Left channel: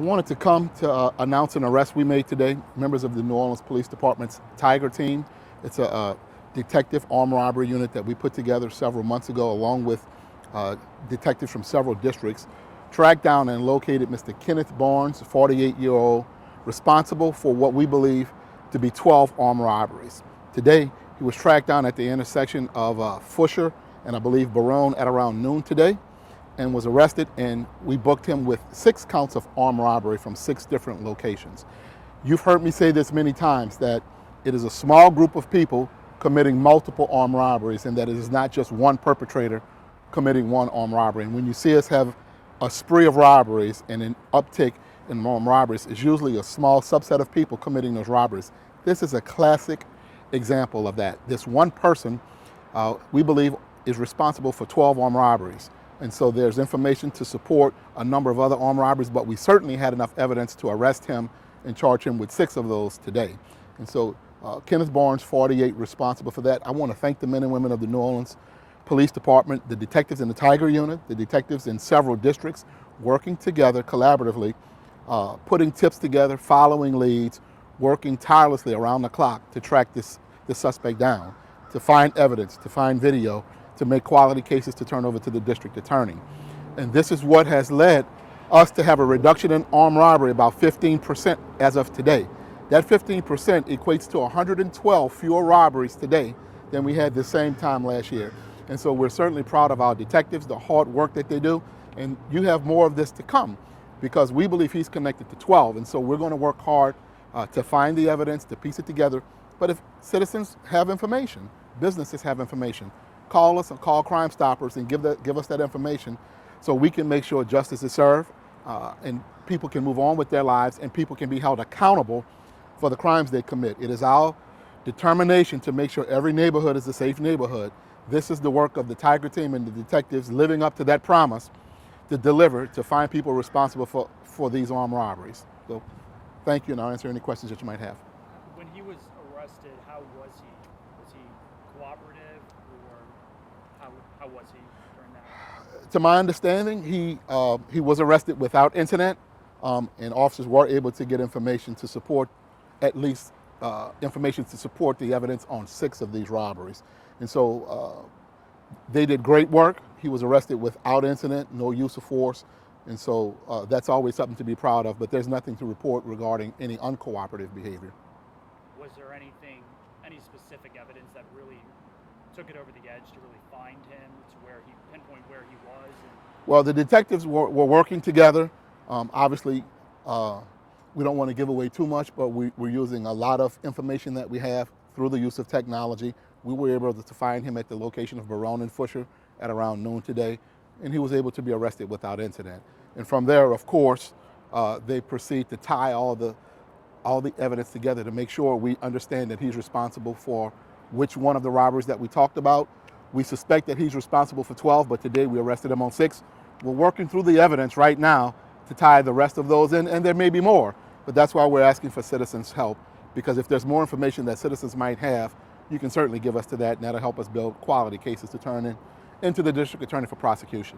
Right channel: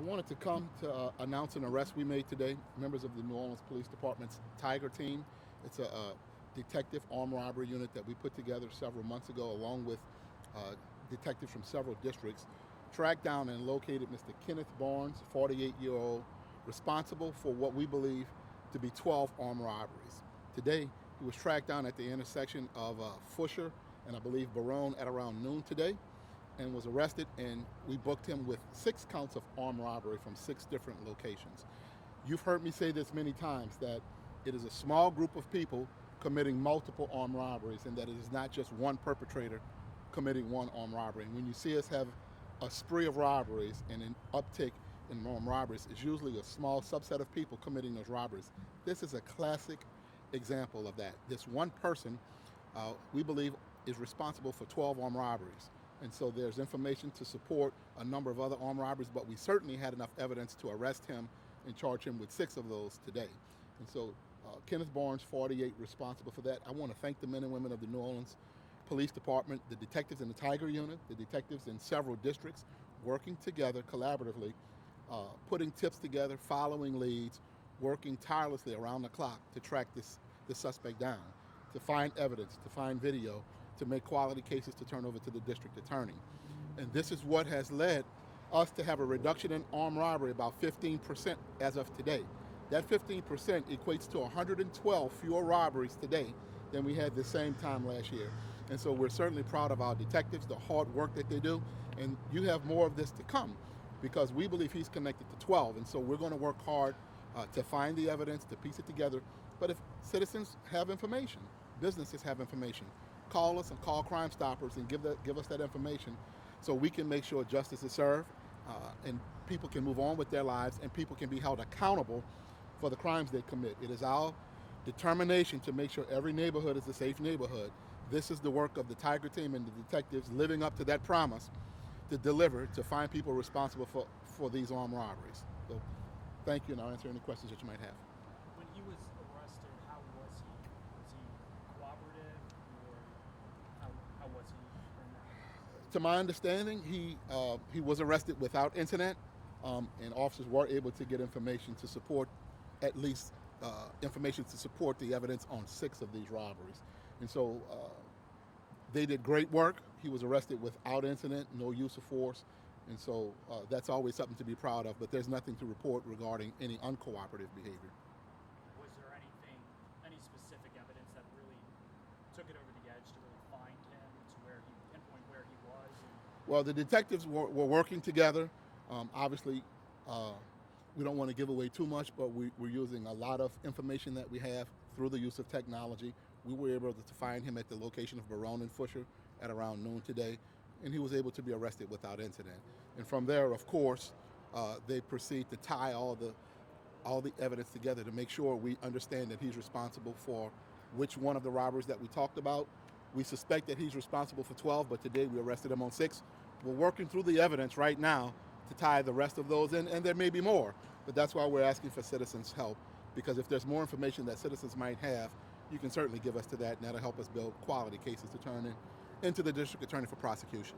I wanted to come to announce an arrest we made today, members of the New Orleans Police Department's Tiger team. It's a detective armed robbery unit that we put together several months ago along with detectives from several districts, tracked down and located Mr. Kenneth Barnes, a 48-year-old, responsible for what we believe to be 12 armed robberies. Today, he was tracked down at the intersection of Foucher and I believe Baronne at around noon today, and was arrested, and we booked him with 6 counts of armed robbery from 6 different locations. You've heard me say this many times, that it is a small group of people committing multiple armed robberies, and that it is not just one perpetrator committing one armed robbery. And when you see us have a spree of robberies and an uptick in armed robberies, it's usually a small subset of people committing those robberies. This is a classic example of that. This one person, we believe, is responsible for 12 armed robberies. And so there's information to support a number of other armed robberies, but we certainly had enough evidence to arrest him and charge him with 6 of those today. And so Kenneth Barnes, 48, responsible for that. I want to thank the men and women of the New Orleans Police Department, the detectives in the Tiger Unit, the detectives in several districts, working together collaboratively, putting tips together, following leads, working tirelessly around the clock to track this suspect down, to find evidence, to find video, to make quality cases to turn over to the district attorney. And this is what has led us to have a reduction in armed robbery, about 15% as of today. That 15% equates to 112 fewer robberies today than we had the same time last year. And so we're certainly proud of our detectives, the hard work that they do, and you have more of this to come because we believe he's connected to 12. And so we're going to work hard to find the evidence, to piece it together. But if citizens have information, businesses have information, call us or call Crime Stoppers and give us that information so we can make sure justice is served and people can move on with their lives and people can be held accountable for the crimes they commit. It is our determination to make sure every neighborhood is a safe neighborhood. This is the work of the Tiger team and the detectives living up to that promise to deliver, to find people responsible for these armed robberies. So thank you, and I'll answer any questions that you might have. When he was arrested, how was he? Was he cooperative, or how was he during that? To my understanding, he was arrested without incident, and officers were able to get information to support, at least information to support the evidence on 6 of these robberies. And so they did great work. He was arrested without incident, no use of force, and so that's always something to be proud of, but there's nothing to report regarding any uncooperative behavior. Was there any specific evidence that really took it over the edge to really find him, to pinpoint where he was? Well, the detectives were working together. Obviously, we don't want to give away too much, but we're using a lot of information that we have through the use of technology. We were able to find him at the location of Baronne and Foucher at around noon today, and he was able to be arrested without incident. And from there, of course, they proceed to tie all the evidence together to make sure we understand that he's responsible for which one of the robberies that we talked about. We suspect that he's responsible for 12, but today we arrested him on 6. We're working through the evidence right now to tie the rest of those in, and there may be more, but that's why we're asking for citizens' help, because if there's more information that citizens might have, you can certainly give us to that, and that'll help us build quality cases to turn into the district attorney for prosecution.